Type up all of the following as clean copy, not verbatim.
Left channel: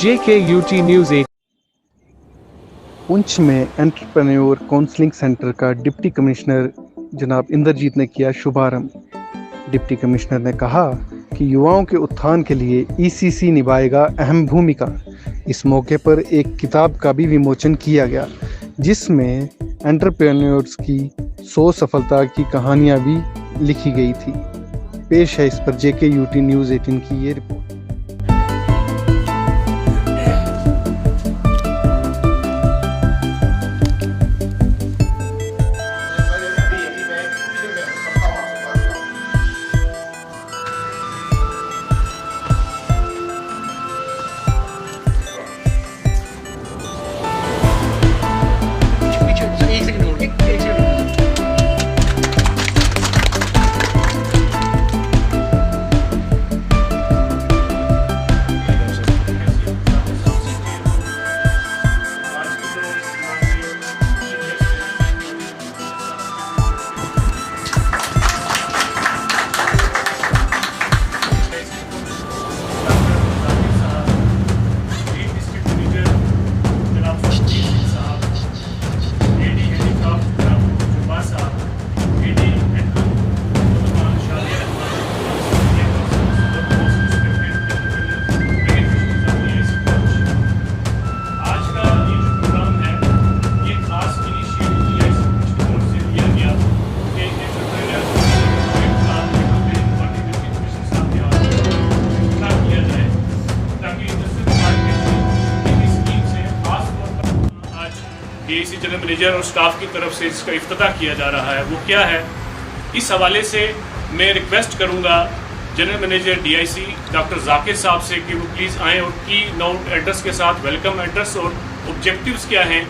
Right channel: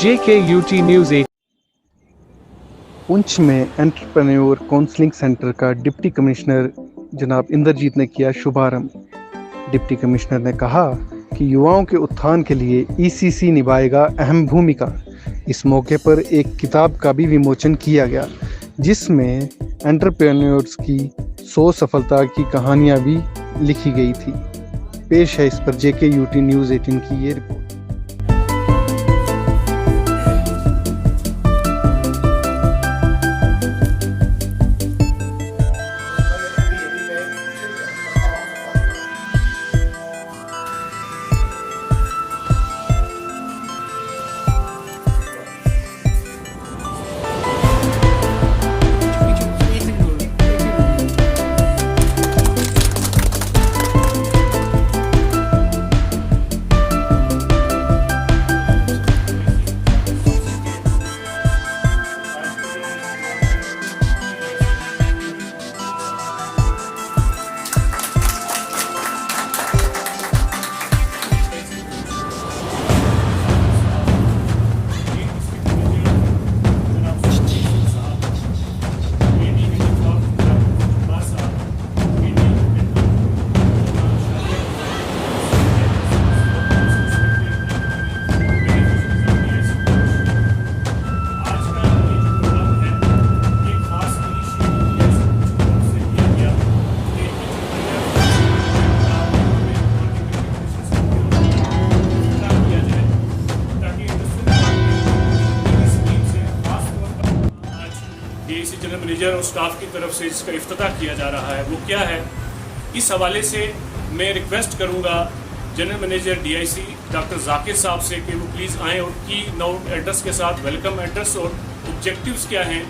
JKUT News 8। Poonch में entrepreneur counselling centre का deputy commissioner जनाब इंद्रजीत ने किया शुभारंभ। डिप्टी कमिश्नर ने कहा कि युवाओं के उत्थान के लिए ईसीसी निभाएगा अहम भूमिका। इस मौके पर एक किताब का भी विमोचन किया गया जिसमें एंटरप्रेन्योर्स की 100 सफलता की कहानियां भी लिखी गई थी। पेश है इस पर JKUT न्यूज़ 18 की ये रिपोर्ट। डीआईसी जनरल मैनेजर और स्टाफ की तरफ से इसका इफ्तिताह किया जा रहा है वो क्या है, इस हवाले से मैं रिक्वेस्ट करूंगा general manager DIC doctor Zakir साहब से कि वो प्लीज़ आएँ और की नोट एड्रेस के साथ वेलकम एड्रेस और ऑब्जेक्टिव्स क्या हैं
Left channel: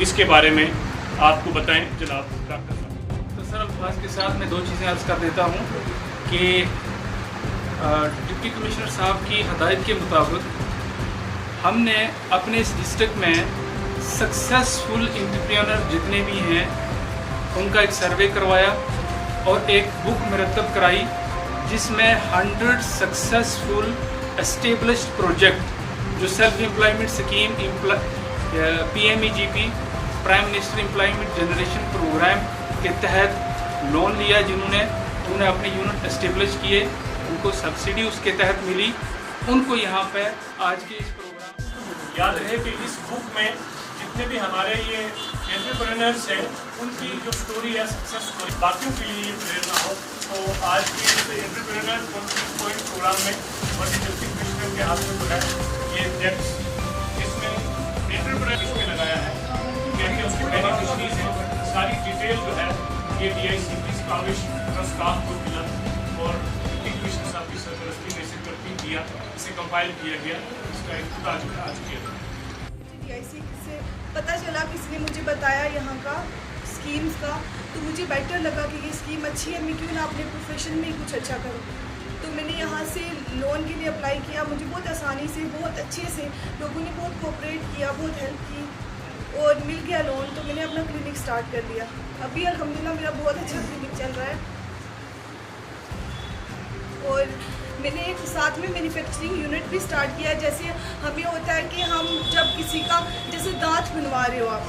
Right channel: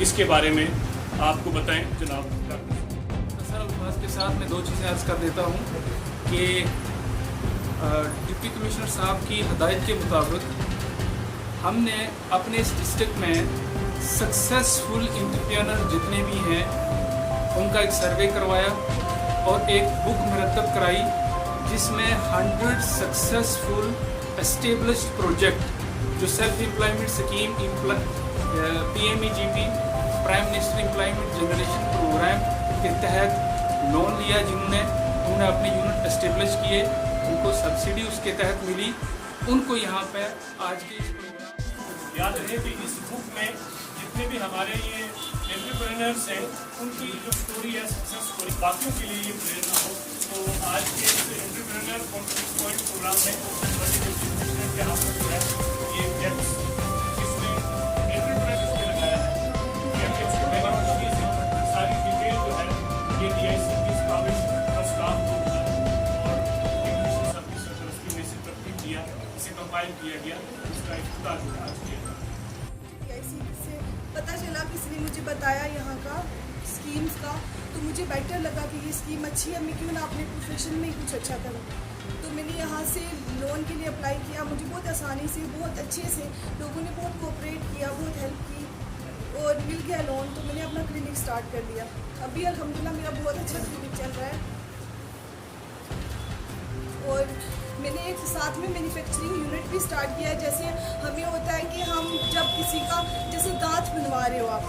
इसके बारे में आपको बताएं जनाब डॉक्टर साहब। तो सर अब आज के साथ मैं दो चीज़ें अर्ज कर देता हूँ कि डिप्टी कमिश्नर साहब की हदायत के मुताबिक हमने अपने इस डिस्ट्रिक्ट में सक्सेसफुल एंटरप्रेन्योर जितने भी हैं उनका एक सर्वे करवाया और एक बुक मुरतब कराई जिसमें 100 सक्सेसफुल एस्टेब्लिश्ड प्रोजेक्ट जो self employment scheme PMEGP prime minister employment generation programme के तहत लोन लिया जिन्होंने अपने यूनिट एस्टेब्लिश किए, उनको सब्सिडी उसके तहत मिली, उनको यहाँ पे आज के इस प्रोग्राम याद रहे कि इस बुक में जितने भी हमारे ये एंटरप्रेन्योर्स हैं उनकी जो स्टोरी है सक्सेस स्टोरी बाकियों के लिए ये प्रेरणा हो। तो आज के इस एंटरप्रेन्योर प्रोग्राम में बड़ी डिप्टी कमिश्नर के हाथ में है ये डेस्क इसमें एंटरप्रेन्योर इसमें लगाया है जैसे उसकी बेनिफिशरी से सारी डिटेल जो है ये डीआईसी की स्टाफ को मिला और डिप्टी कमिश्नर साहब की सरपरस्ती में इसे करके दिया, इसे कंपाइल किया गया, इसका इफ्तिताह आज किया। पता चला किसी ने मुझे बताया यहाँ का स्कीम्स का, तो मुझे बेटर लगा कि ये स्कीम अच्छी है, मैं क्यों ना अपने प्रोफेशन में ही कुछ अच्छा करूँ। तो मैंने यहाँ से लोन के लिए अप्लाई किया, मुझे बहुत आसानी से बहुत अच्छे से लोगों ने बहुत कोऑपरेट किया, बहुत हेल्प की और मिल गया लोन। तो मैंने अपना क्लिनिक स्टार्ट कर दिया। अभी अल्हम्दुलिल्लाह मेरा बहुत अच्छा क्लिनिक चल रहा है और मैंने एक साथ में मैन्युफैक्चरिंग यूनिट भी स्टार्ट किया। जैसे हमें होता है कि हम जब किसी का जैसे दांत बनवा रहे हो, आप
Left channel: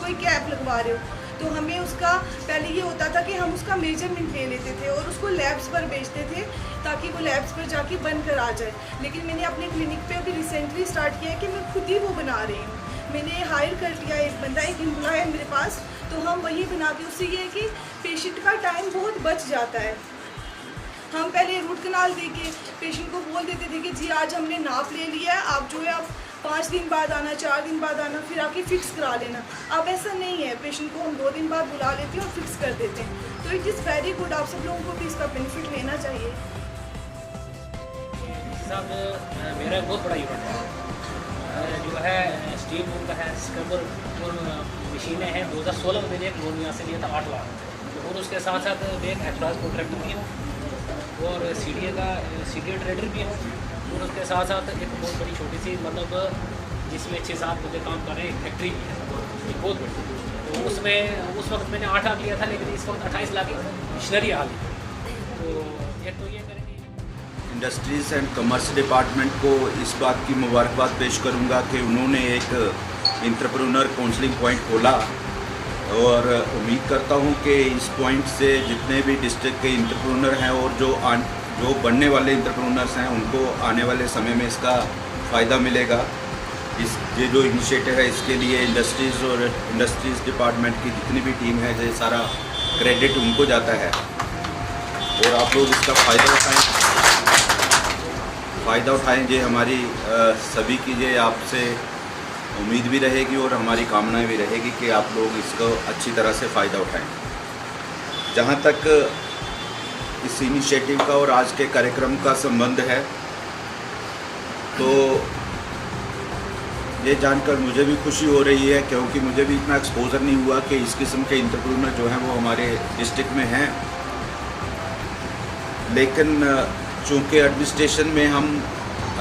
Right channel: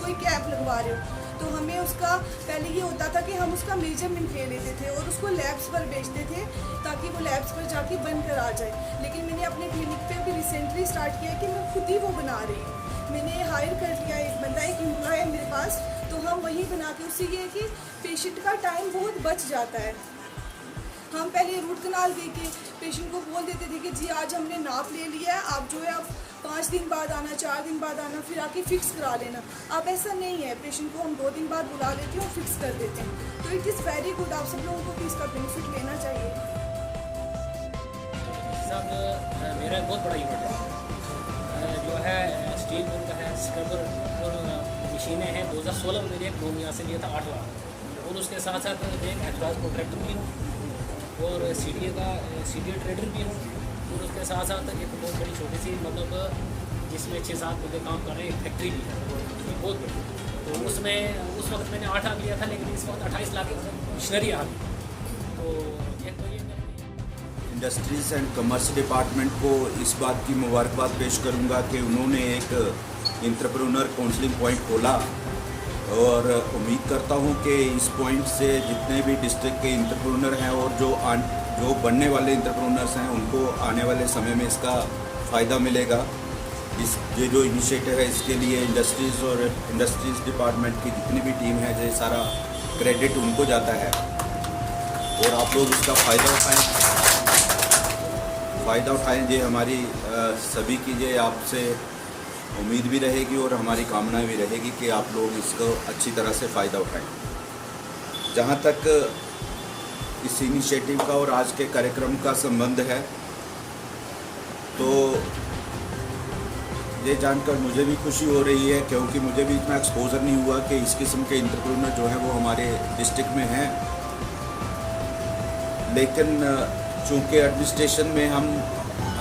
कोई कैप लगवा रहे हो, तो हमें उसका पहले ये होता था कि हम उसका मेजरमेंट ले लेते थे और उसको लैब्स पर भेजते थे ताकि वो लैब्स पर जाके बनकर आ जाए। लेकिन मैंने अपने क्लिनिक पे अभी रिसेंटली स्टार्ट किया है कि मैं खुद ही वो बना रही हूँ। मैंने हायर कर लिया एक बंदा, एक एम्प्लॉय है मेरे पास, तो हम वही बनाते। उससे ये है कि पेशेंट का टाइम बहुत बच जाता है। हम पहले रूट कनाल देके पेशेंट को बोल देते थे कि जी आज हमने नाप ले लिया है, आप जो है आप 5 दिन बाद आना, 4 दिन बाद आना, फिर आके फिक्स करा लेना। अब ऐसा नहीं है, पेशेंट को हम 2 दिन बाद बुला लेते हैं और फिक्स कर देते हैं। तो इट इज़ वेरी गुड, आप सब लोगों को भी इसका बेनिफिट लेना चाहिए। मेरा बहुत बड़ा इवेंट है जो है स्टील का है, स्क्रबर मशीनें हैं। 2016 में मैंने एक लोन यहाँ से लिया था 8 लाख और उसके साथ साथ एक ट्रांसपोर्ट लैंड भी है और सीडीए ट्रेडिंग भी है और उसके साथ साथ एक बहुत बड़ी छोटी सी मतलब जिसमें 6-7 बंदे काम कर रहे हैं फैक्ट्री भी है बहुत बड़ी। तो उसमें उस वक्त मैंने 8 लाख लिया था, लेकिन इस वक्त 28 लाख की मशीनरी आ गई। तो एक तो ये इंडस्ट्रीज़ एंड कॉमर्स डिपार्टमेंट को इस बात की मुबारकबाद पेश करूंगा कि उन्होंने एक एंटरप्रेन्योर काउंसलिंग पॉइंट खोला और उम्मीद करता हूं कि इस पॉइंट से जितने भी डिस्ट्रिक्ट के एंटरप्रेन्योर हैं और जो बनने वाले एंटरप्रेन्योर्स हैं उनको आने वाले समय में इसका फ़ायदा मिलेगा। ये जो इनिशिएटिव है इसके लिए इंडस्ट्रीज़ डिपार्टमेंट की जितनी भी टीम है ये सारा क्रेडिट उनको जाता है और आप लोग इसका फ़ायदा उठाएं। ये हमारी सभी की ये आपसे उम्मीद भी रहेगी और हमारी कामना भी रहेगी कि आप लोग इसको अच्छी तरह से फ़ायदा उठाएं। जहाँ तक इस इनिशिएटिव का और आज के कार्यक्रम का संबंध है तो ये जानकर मुझे भी खुशी हो रही है क्योंकि मुझे भी इतना एक्सपोजर नहीं हुआ कि इस किस्म के एंटरप्रेन्योर जो हैं वो हमारे डिस्ट्रिक्ट में हैं। लेकिन चूँकि एडमिनिस्ट्रेशन में हम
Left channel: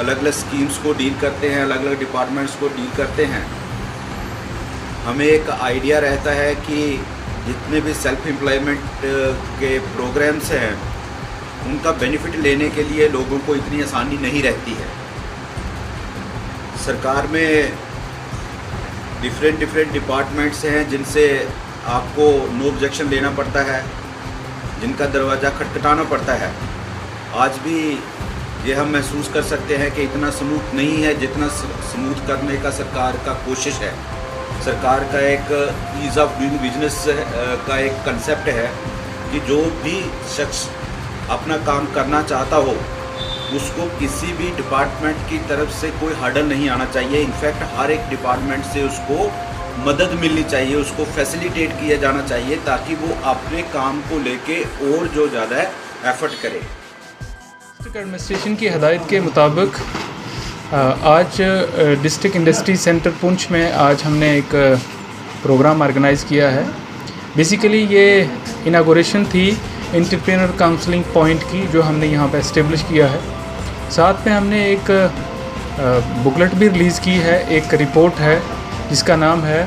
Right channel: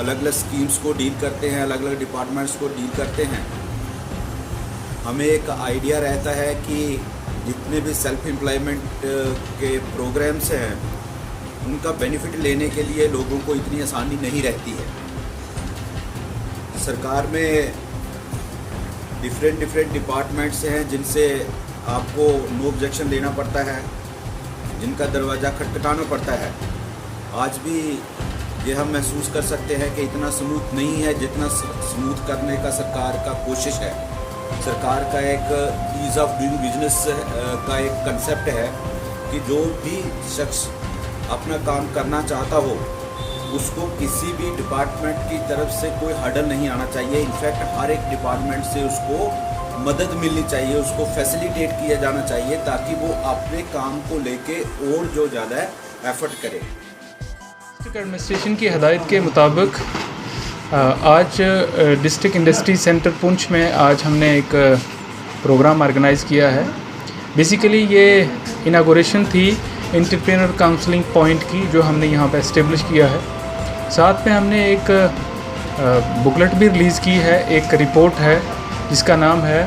अलग अलग स्कीम्स को डील करते हैं, अलग अलग डिपार्टमेंट्स को डील करते हैं, हमें एक आइडिया रहता है कि जितने भी सेल्फ एम्प्लॉयमेंट के प्रोग्राम्स हैं उनका बेनिफिट लेने के लिए लोगों को इतनी आसानी नहीं रहती है। सरकार में डिफरेंट डिपार्टमेंट्स हैं जिनसे आपको नो ऑब्जेक्शन देना पड़ता है, जिनका दरवाज़ा खटखटाना पड़ता है। आज भी ये हम महसूस कर सकते हैं कि इतना स्मूथ नहीं है जितना स्मूथ करने का सरकार का कोशिश है। सरकार का एक ईज़ ऑफ डूइंग बिजनेस का एक कंसेप्ट है कि जो भी शख्स अपना काम करना चाहता हो उसको किसी भी डिपार्टमेंट की तरफ से कोई हर्डल नहीं आना चाहिए। इनफैक्ट हर एक डिपार्टमेंट से उसको मदद मिलनी चाहिए, उसको फैसिलिटेट किया जाना चाहिए ताकि वो अपने काम को लेके और जो ज़्यादा है एफर्ट करे। डिस्ट्रिक्ट एडमिनिस्ट्रेशन की हदायत के मुताबिक आज डिस्ट्रिक्ट इंडस्ट्री सेंटर पुंछ में आज हमने एक प्रोग्राम ऑर्गेनाइज़ किया है। बेसिकली ये इनागोरेशन थी एंटरप्रेन्योर काउंसलिंग पॉइंट की जो हमने यहाँ पे एस्टेब्लिश किया है। साथ में हमने एक बुकलेट भी रिलीज़ की है, एक रिपोर्ट है जिसका नाम है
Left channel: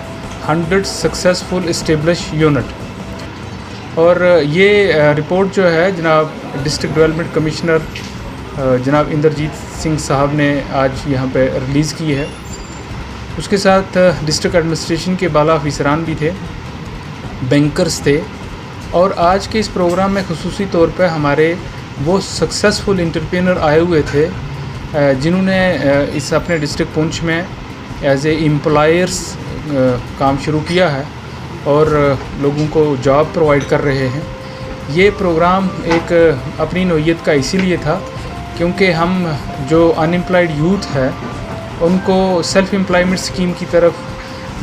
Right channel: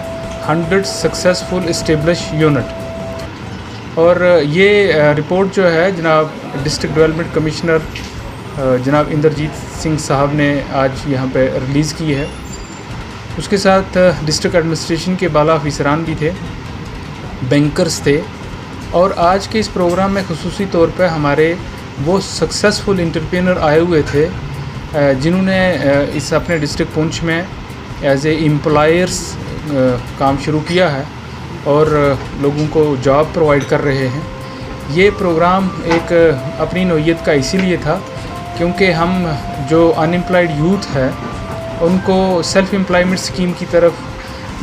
100 सक्सेसफुल एस्टेब्लिश यूनिट। और ये रिपोर्ट जो है जनाब डिस्ट्रिक्ट डेवलपमेंट कमिश्नर जनाब इंद्रजीत सिंह साहब ने आज यहाँ पे रिलीज़ की है। उसके साथ डिस्ट्रिक्ट एडमिनिस्ट्रेशन के बाला अफसरान भी थे, बैंकर्स थे। और आज के इस प्रोग्राम में खुसूसी तौर पे हमारे वो सक्सेसफुल एंटरप्रेन्योर आए हुए थे जिन्होंने इस अपने डिस्ट्रिक्ट पुंछ में एज ए एम्प्लॉयर्स काम शुरू किया है और लोगों को जॉब प्रोवाइड कर रहे हैं। ये प्रोग्राम एक अपनी नौइयत का इसीलिए था क्योंकि हम जो अनएम्प्लॉयड यूथ है उनको सेल्फ एम्प्लॉयमेंट स्कीम की तरफ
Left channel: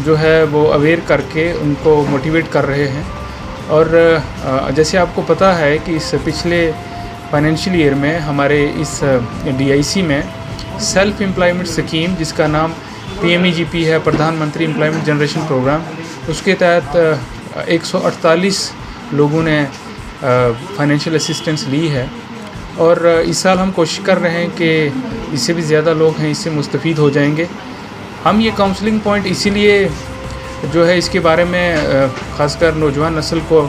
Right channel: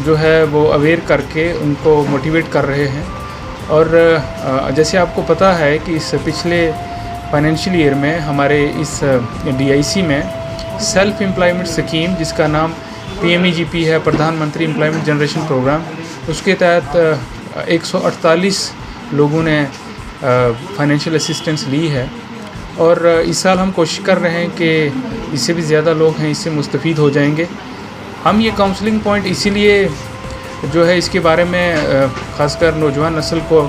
जो है वो अवेयर करके उनको मोटिवेट कर रहे हैं। और जैसे आपको पता है कि इस पिछले फाइनेंशियल ईयर में हमारे इस DIC में सेल्फ एम्प्लॉयमेंट स्कीम जिसका नाम PMEGP है, प्रधानमंत्री एम्प्लॉयमेंट जनरेशन प्रोग्राम, उसके तहत 148 लोगों ने फाइनेंशियल असिस्टेंस ली है। और इस साल हम कोशिश कर रहे हैं कि इससे भी ज़्यादा लोग हैं इससे मुस्तफ़ीद हो जाएंगे। हम ये काउंसलिंग पॉइंट इसीलिए जो है इसके बारे में ख़ासकर नौजवान नस्ल को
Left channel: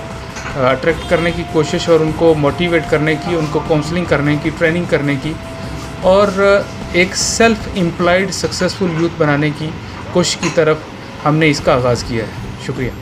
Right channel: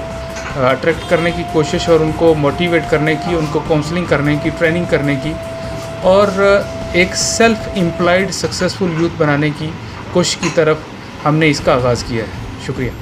अट्रैक्ट करने की कोशिश और उनको मोटिवेट करने की, उनको काउंसलिंग करने की, ट्रेनिंग करने की और एक सेल्फ एम्प्लॉयड सक्सेसफुल यूथ बनाने की कोशिश की तरफ हमने इसका आगाज़ किया है। शुक्रिया।